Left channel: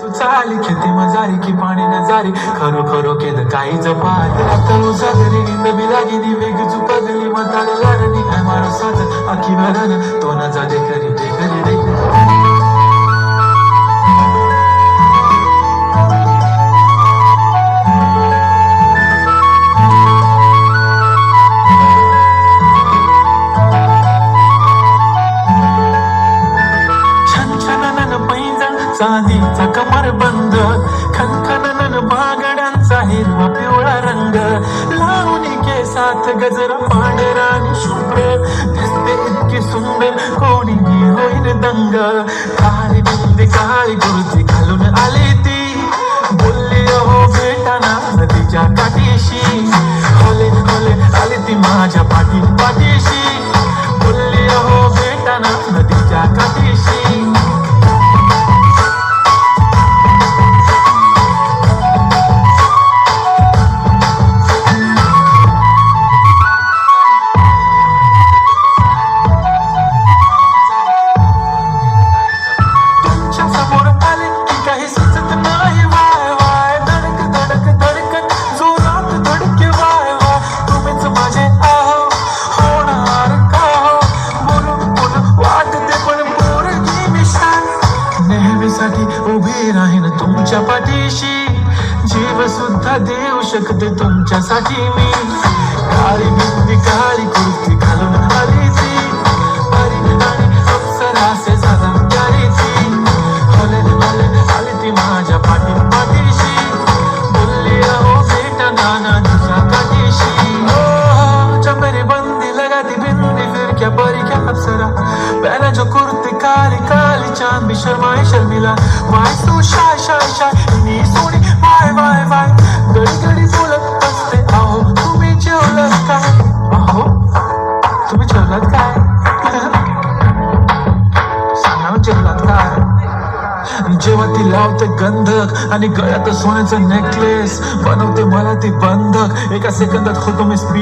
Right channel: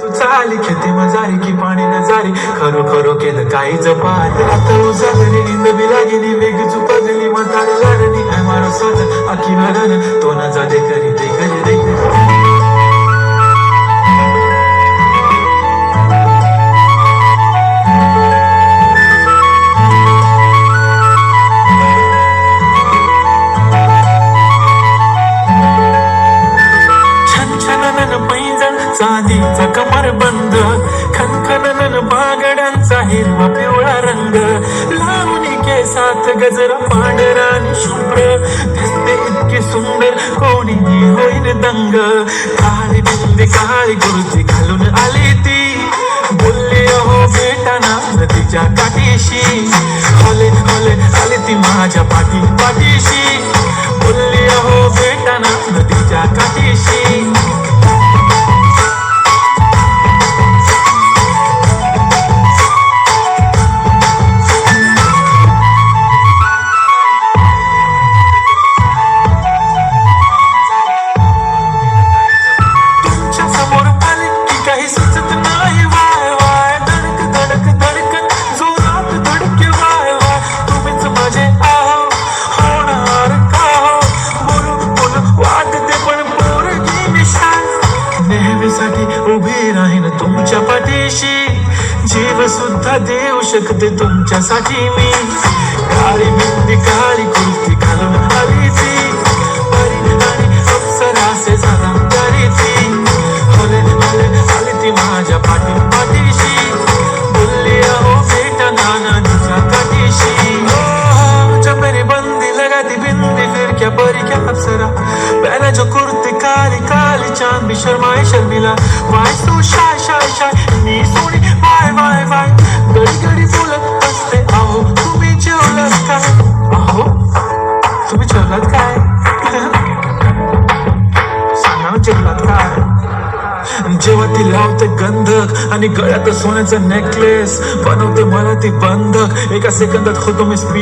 तू चाली खेते मजारी की पाणी नजारी. जारी खरो खरो केलं काही जपारी आता उजागरी निंद बिलागिनी वेग चुपगली म्हातारे लाडणी काय मारो साज आखी भागन तो न जा दे करी दे करी दे करी बंद. खनखननन बागड्यांचा हिरवा पिवळा रंग. लावणी केसात गजरा पांढरा आणि शुभ्र. दिसते इतकी सुंदर कोणी होईल दंग. काळी बिंदी काळी गुरुजी घालून आली ती. बोलली अहो बेटाना नदीच्या काठीशी. नेहमीसाठी उभे राहीन तुमच्या पाठीशी. जीव सुद्धा देऊ शकते तुमच्यासाठी मी. काळी बिंदी काळी कुर्ती घालून आली ती परी आणि अप्सरासे झाला करी ती हले हले आली ती माझ्या पाठी पाठीशी. बोलली अहो भेट नाना तुझा पाठीशी. ओ, चमेरी बंदी लगा ती बिंदी फिर क्या परी क्या अप्सरा. पहना जो कुर्ती काली चांद भी शर्माए Sharmila. Why so shy shy shy. मी सोनी वाय वाय वाय गडी गडी बोलत असते. आहो तुम्ही जेवलात काय आहो तुम्ही जेवलात काय? सांगा जेवलात काय? जेव्हा ती लावते गंधक आणि गळ्यात सोन्याचे नेकलेस बनवते मला ती बंधक एका सेकंदात होतो मी स्पीड